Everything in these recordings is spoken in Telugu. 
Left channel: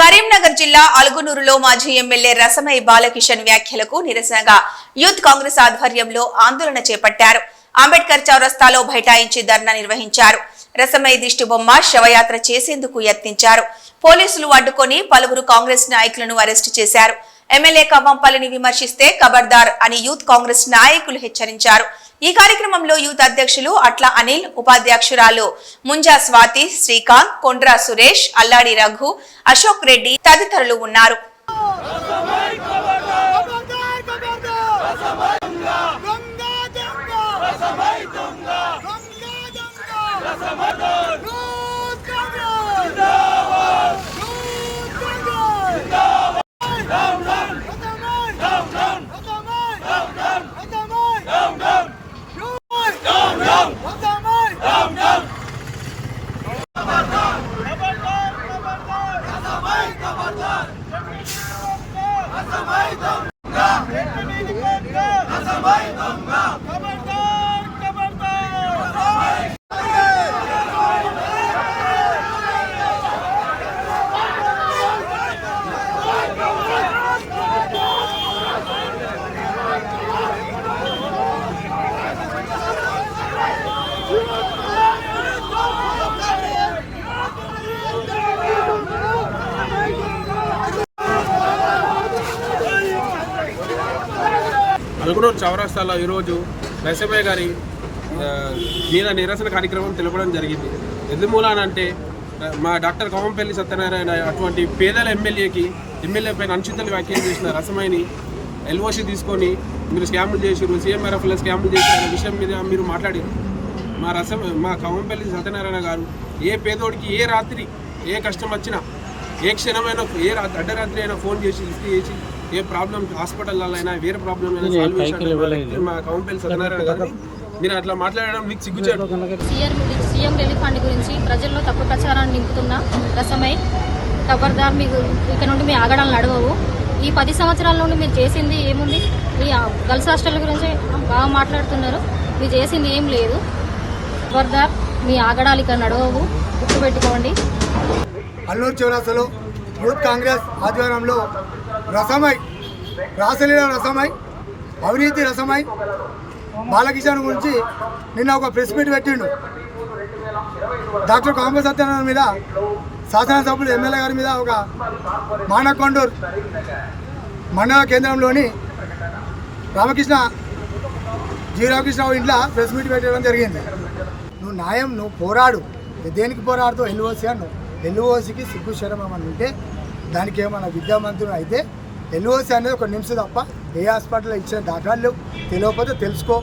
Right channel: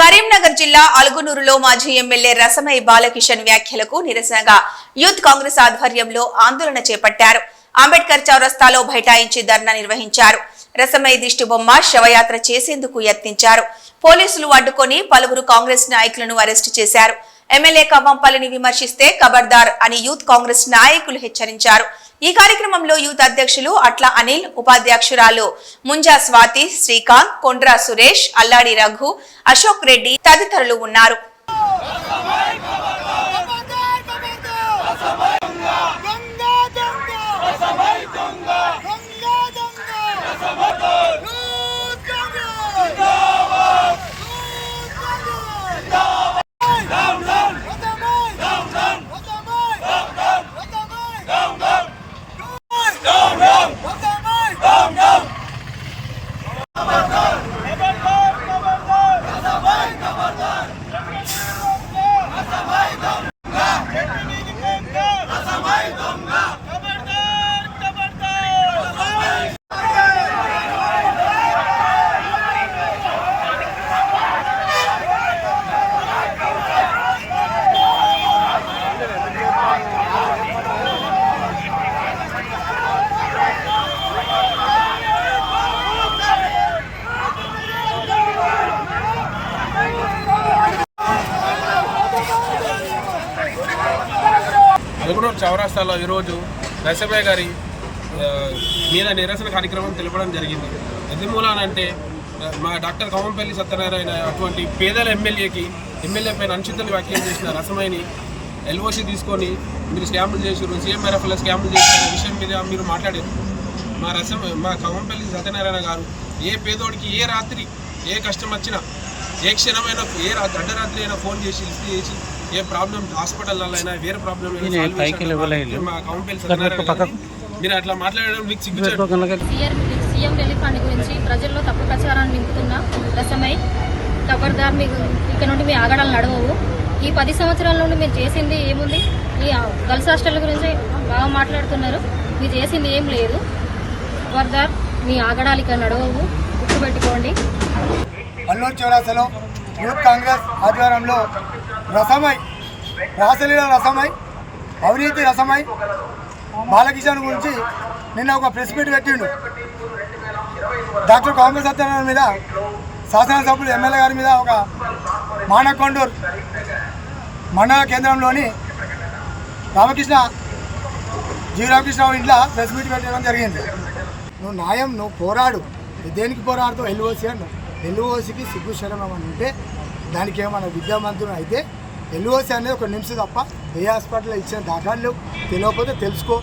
కరీంనగర్ జిల్లా అలుగునూరులో మాజీ ఎమ్మెల్యే రసమై బాలకిషన్ వ్యాఖ్యలకు నిరసనగా యూత్ కాంగ్రెస్ ఆధ్వర్యంలో ఆందోళన చేపట్టారు. అంబేద్కర్ చౌరస్తాలో బైఠాయించి ధర్నా నిర్వహించారు. రసమై దిష్టిబొమ్మ శవయాత్ర చేసేందుకు యత్నించారు. పోలీసులు అడ్డుకొని పలువురు కాంగ్రెస్ నాయకులను అరెస్టు చేశారు. ఎమ్మెల్యే కవ్వంపల్లిని విమర్శిస్తే ఖబర్దార్ అని యూత్ కాంగ్రెస్ నాయకులు హెచ్చరించారు. ఈ కార్యక్రమంలో యూత్ అధ్యక్షులు అట్ల అనిల్, ఉపాధ్యక్షురాలు ముంజా స్వాతి, శ్రీకాంత్, కొండ్రా సురేష్, అల్లాడి రఘు, అశోక్ రెడ్డి తదితరులు ఉన్నారు. అలుగునూరు చౌరస్తాలో ఈరోజు రసమయ్య గారి మీద నిరసన కార్యక్రమం తెలపడం జరిగింది. ఎందుమూలనంటే మా డాక్టర్ కవ్వంపల్లి సత్యనారాయణ అటువంటి పేదల ఎమ్మెల్యే పైన అనుచితలు వ్యాఖ్యలు చేసిన రసమయ్యని ఎల్ఓసి తీసుకొని మీరు స్కాములు చేసారు, సీఎంఆర్ఎఫ్లో స్కాములు చేసిన విషయం మీద మీరు మాట్లాడారు. మా కవ్వంపల్లి సత్యనారాయణ గారు ఏ పేదోడికి ఏ రాత్రి ఏ కష్టం వచ్చినా ఏ క్షణమైనా ఏ అర్ధరాత్రి అయినా ఫోన్ చేసి లిస్ట్ చేసి ఏ ప్రాబ్లం హాస్పిటల్లో అయినా వేరే ప్రాబ్లం మా కవ్వంపల్లి సత్యనారాయణ గారు మీరు అట్లా మాట్లాడడం మీకు సిగ్గుచారు. సీఎం రిలీఫ్ ఫండ్ గురించి ప్రజల్లో తప్పు ప్రచారాన్ని నింపుతున్న రసమై ఖబర్దార్, మీకు ఇక్కడ నుండి మీ ఆగడాలను నడవవు. ఈ 10 సంవత్సరాల నుండి మీరు చేసింది ఏముంది? ఈ గర్ల్స్ హాస్టల్ గురించి బాగా మాట్లాడుతున్నారు, మీరు చేసింది ఏం లేదు. ఖబర్దార్, మీ ఆగడాలు ఇక్కడ నడవవు, గుర్తుపెట్టుకోండి. అల్లూరు చౌరస్తాలో యూత్ కాంగ్రెస్ ఆధ్వర్యంలో రాసలీల రసమై, అవినీతి రసమై బాలకిషన్ గురించి నిన్న ఒక ప్రెస్ మీట్ పెట్టిండు. డాక్టర్ కాంగ్రెస్ సత్యనారాయణ మీద, శాసనసభ్యులు ఎమ్మెల్యే గారి మీద ఒక మానకొండూరు మండల కేంద్రంలోని జీవరామకృష్ణ ఇంట్లో ప్రెస్ మీట్ పెట్టడం జరిగింది. నువ్వు న్యాయం, నువ్వు పోరాడు. దేనికి పోరాడుతావు? ఎల్ఓసి అన్నావు. ఎల్ఓసికి సిగ్గు శరం ఏమన్నా ఉంటే దానికి ఏమన్నా విద్యామంత్రులు అయితే ఎల్ఓసి అనేది ఒక నిమిషం తప్ప ఏ హాస్పిటల్లో ఇచ్చిన దాఖలు తెలియకపోతే తెలుసుకో,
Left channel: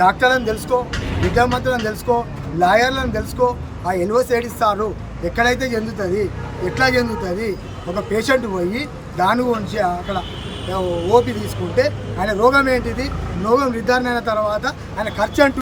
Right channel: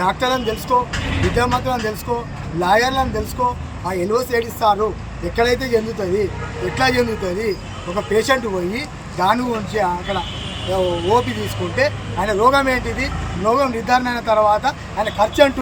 డాక్టర్లను తెలుసుకో, విద్యామంత్రులను తెలుసుకో, లాయర్లను తెలుసుకో. ఆ ఎల్ఓసి ఏడిస్తారు, ఎక్కడైతే చెందుతుంది, ఎట్లా చెందుతుంది. ఒక పేషెంట్ పోయి దాని గురించి అక్కడ ఓపీ తీసుకుంటే ఆయన రోగం ఏంటిది, రోగం నిర్ధారణ అయిన తర్వాత ఆయన ఖర్చు అంటూ